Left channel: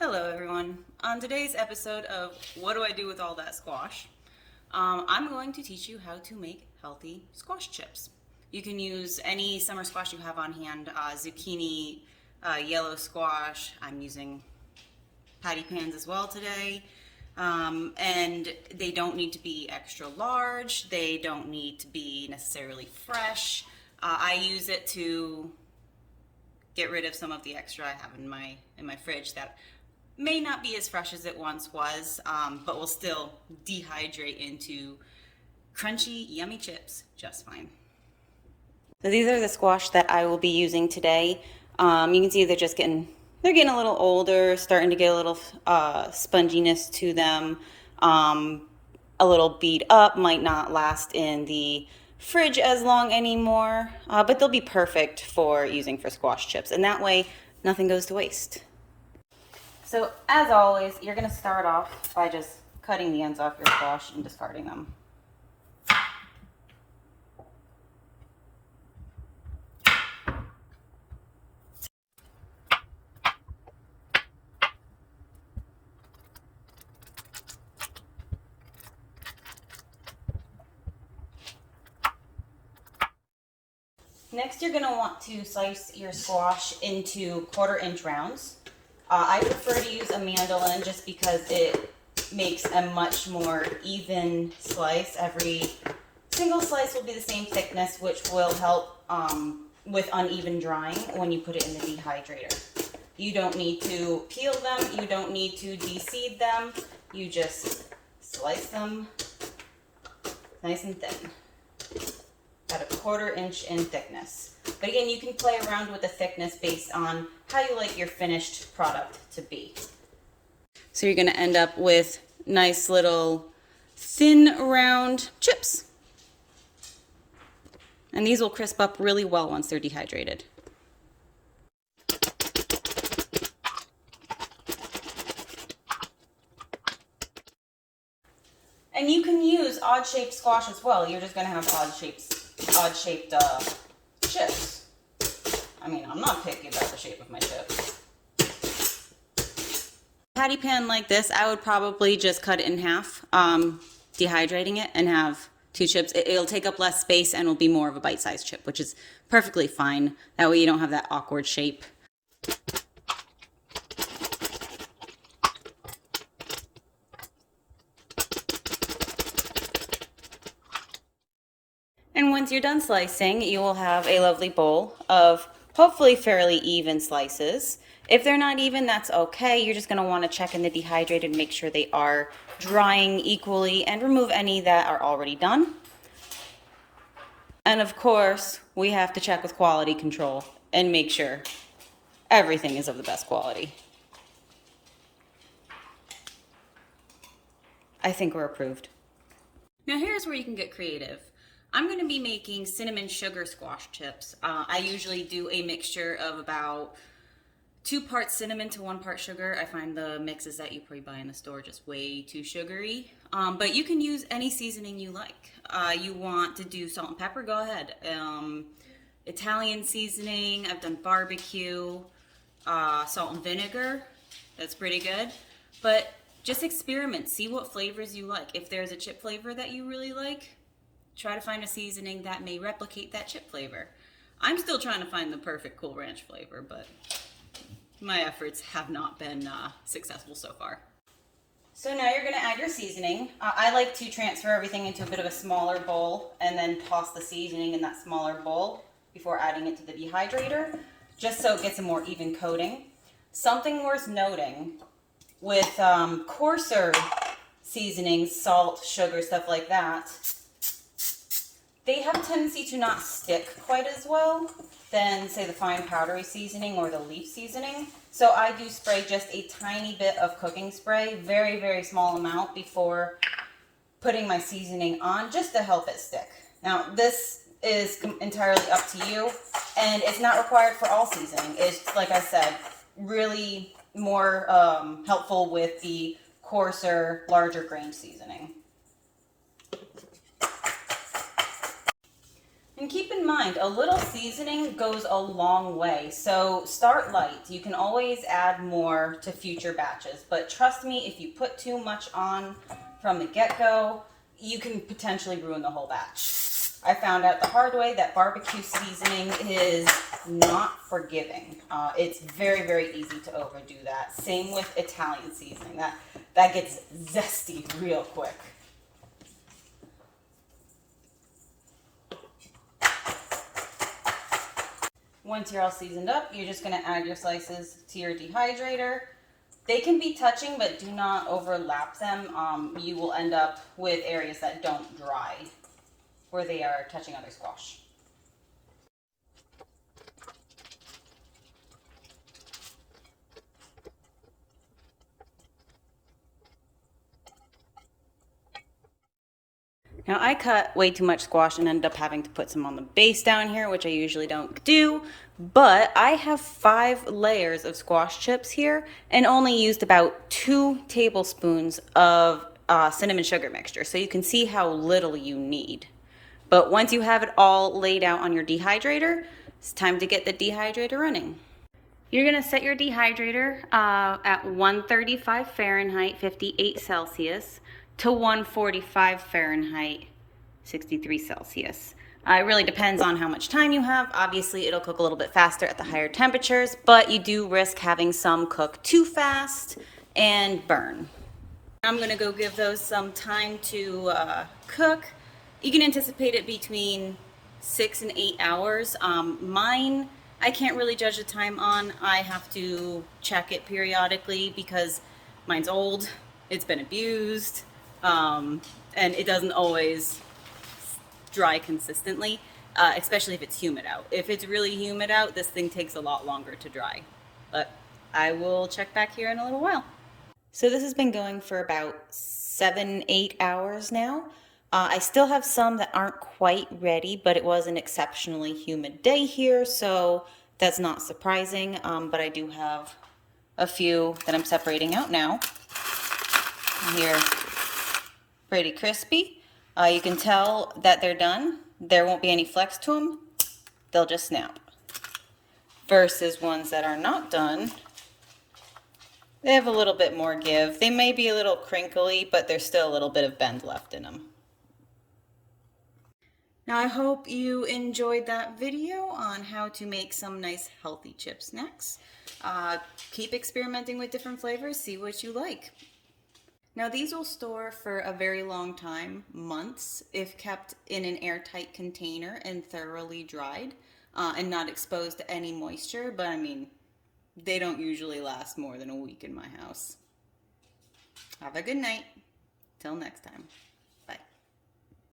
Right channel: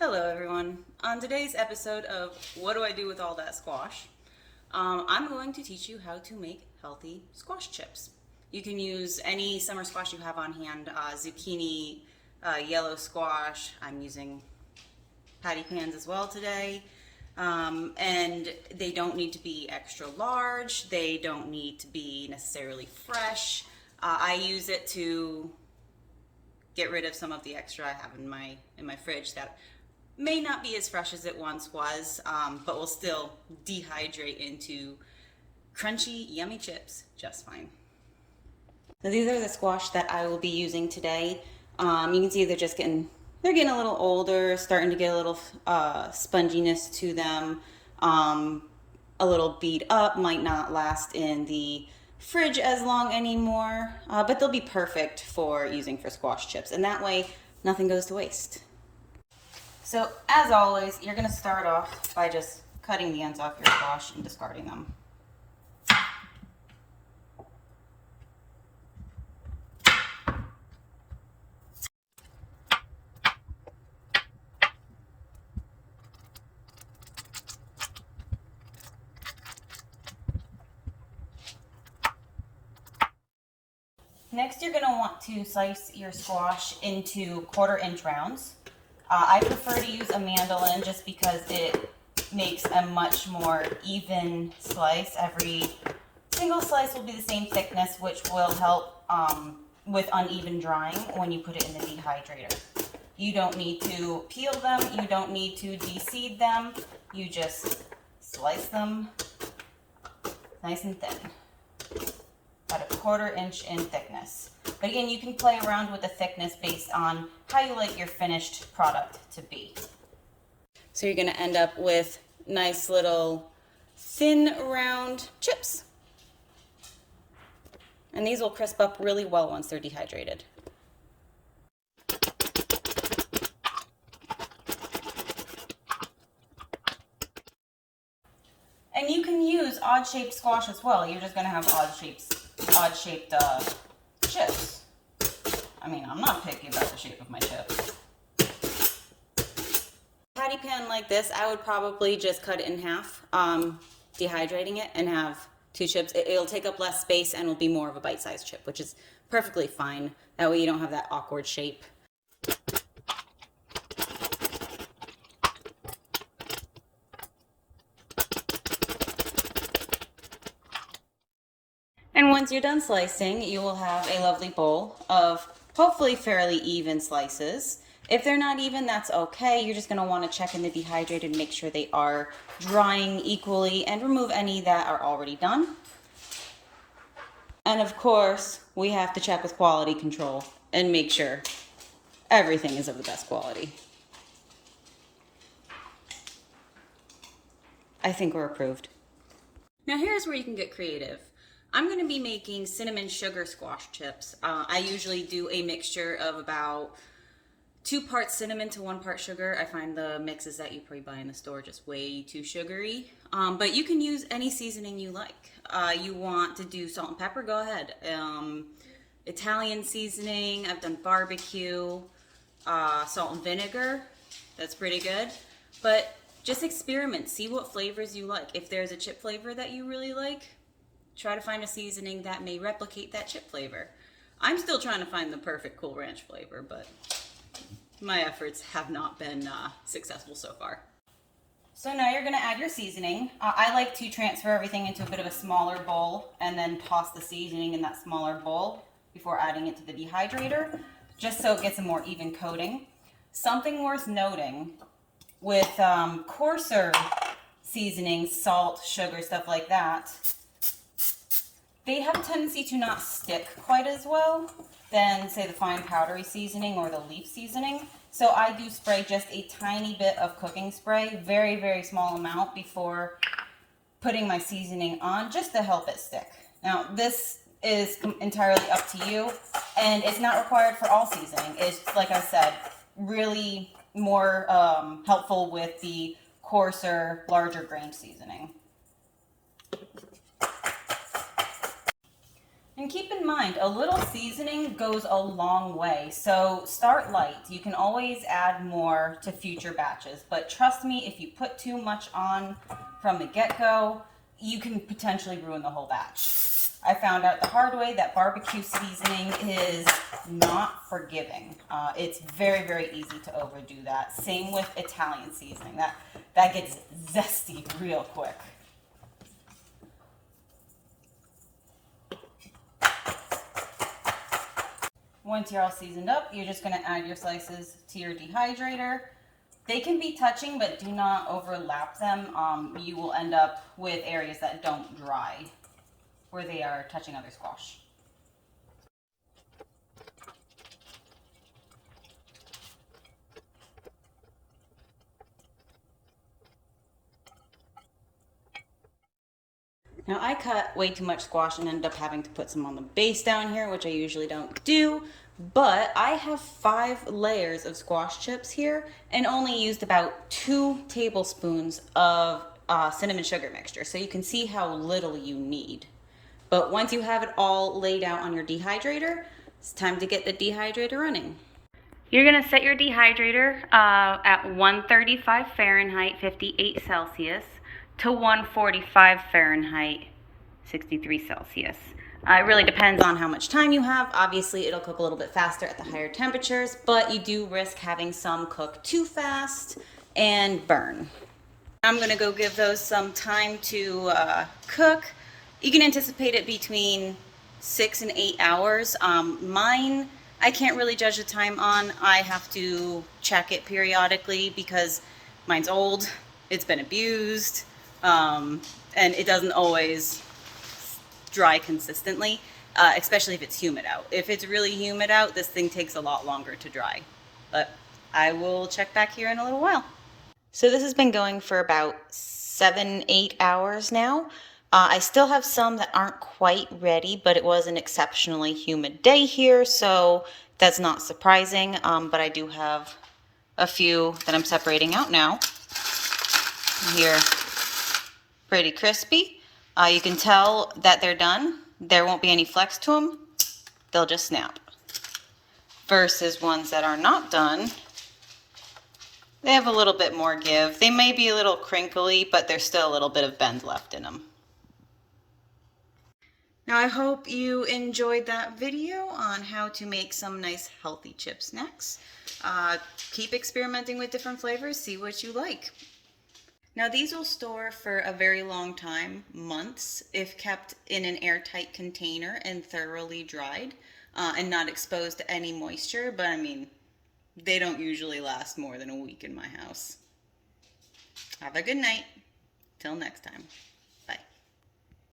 Hello everyone. On today's episode of What Do I Do With All That Squash? I'm going to teach you how to make healthy squash chips. You can use any summer squash you have on hand, zucchini, yellow squash. I'm using patty pans as well today. And they don't need to be extra large. They don't need to be necessarily fresh. I use it to get rid of some of the extra I have in my fridge that may not be as fresh as it once was, but will still dehydrate into crunchy, yummy chips just fine. So these are the squash that I will be using today. You can see they're getting a little older, starting to get a little sponginess to them. A little beat up, might not last in the fridge as long anymore, but they'll be perfect for using for squash chips, and that way nothing goes to waste. So as always, you're going to start off by just cutting the ends off your squash and discarding them. Next, you're going to want to slice your squash into 1/4 inch rounds. I prefer to use a mandolin just because it makes a much more even slice. Every single slice will be the same thickness, which will help with uneven drying when you put it in the dehydrator. You don't need to peel them, you don't need to de-seed them, you just slice them nice and thin. About 1/4 inch in thickness. But again, you can play around with the thickness based on how you like your finished product to be. So you're going to end up with nice little thin round chips. And these will crisp up really well once they're dehydrated. And you can use odd-shaped squash as well. You're just going to have odd-shaped chips. I mean, I'm not picky about the shape of my chips. Patty pan like this, I would probably just cut it in half, dehydrating it, and have 2 chips. It'll take up less space and will be more of a bite-sized chip, which is perfectly fine. That way you don't have that awkward shape. And once you're done slicing, you will have a lovely bowl of hopefully fairly even slices. If they're not even, that's okay. You're just going to want to check in the dehydrator and make sure they are drying equally and remove any that are already done. And of course, we have to check with quality control and make sure everything is of the best quality. I think we're approved. Now here's where you can get creative. I'm going to be making cinnamon sugar squash chips. I usually do a mixture of about 2 parts cinnamon to 1 part sugar. I find the mixes that you probably buy in the store just way too sugary. But you can use any seasoning you like. You want to do salt and pepper, go ahead. Italian seasoning, I've done barbecue, salt and vinegar, that's pretty good. But just experiment, see what flavors you like. If there's a chip flavor that you really like, try to find a seasoning that may replicate that chip flavor. I'm still trying to find the perfect Cool Ranch flavor, but my efforts have not been successful so far. So now you're going to add your seasoning. I like to transfer everything into a bit of a smaller bowl and then toss the seasoning in that smaller bowl before adding it to the dehydrator, just so it gets a more even coating. Something worth noting with coarser seasonings, salt, sugar, stuff like that, they have a tendency to not stick quite as well than, say, the fine powdery seasoning or the leaf seasoning. So I do spray just a tiny bit of cooking spray, very, very small amount before putting my seasoning on, just to help it stick. Now, this is entirely up to you, and it's not required for all seasoning. It's, like I said, really more helpful with the coarser, larger grain seasoning. And keep in mind, a little seasoning goes a long way. So start light. You can always add more to future batches. But trust me, if you put too much on from the get-go, you can potentially ruin the whole batch. I found out the hard way that barbecue seasoning is not forgiving. It's very, very easy to overdo that. Same with Italian seasoning. That gets zesty real quick. Once you're all seasoned up, you're just going to add your slices to your dehydrator. They can be touching, but do not overlap them. You will end up with areas that don't dry where they are touching other squash. Now I cut way too much squash and ended up having to put some on the base down here, which I usually don't do. But I have 5 layers of squash chips here and only used about 2 tablespoons of cinnamon sugar mixture. So you can see how little you need. But once you have it all laid out on your dehydrator, it's time to get the dehydrator running. You're gonna set your dehydrator at 135 Fahrenheit, 58 Celsius to 145 Fahrenheit, 63 Celsius. It really depends on how much time you have. Obviously, it'll cook a little bit faster at the higher temperatures, but you do risk having some cook too fast and burn. I'm gonna go give those some time to cook. You can anticipate it between 6 and 8 hours. Mine, I can't really judge the time on. I have to check it periodically because mine's old, it's been abused, and it doesn't always dry consistently, especially if it's humid out. If it's really humid out, this thing takes a lot longer to dry. But I will check back here in a little while. So this has been going for about 7-8 hours now. I still have some that aren't quite ready, but it was an exceptionally humid day here, so that's not surprising. But I do have a few that I'm separating out now. Here, pretty crispy. You can tell that they're done. There won't be any flex to them. They'll just snap. Versus ones that are not done, they have a little bit more give. They may be a little crinkly, but there's still a little bit of bend left in them. Now I hope you enjoyed that video on how to make some nice healthy chip snacks. Keep experimenting with different flavors, see what you like. Now these will store for a very long time, months, if kept in an airtight container and thoroughly dried and not exposed to any moisture, but I mean, they don't usually last more than a week in my house. Have a good night. Till next time.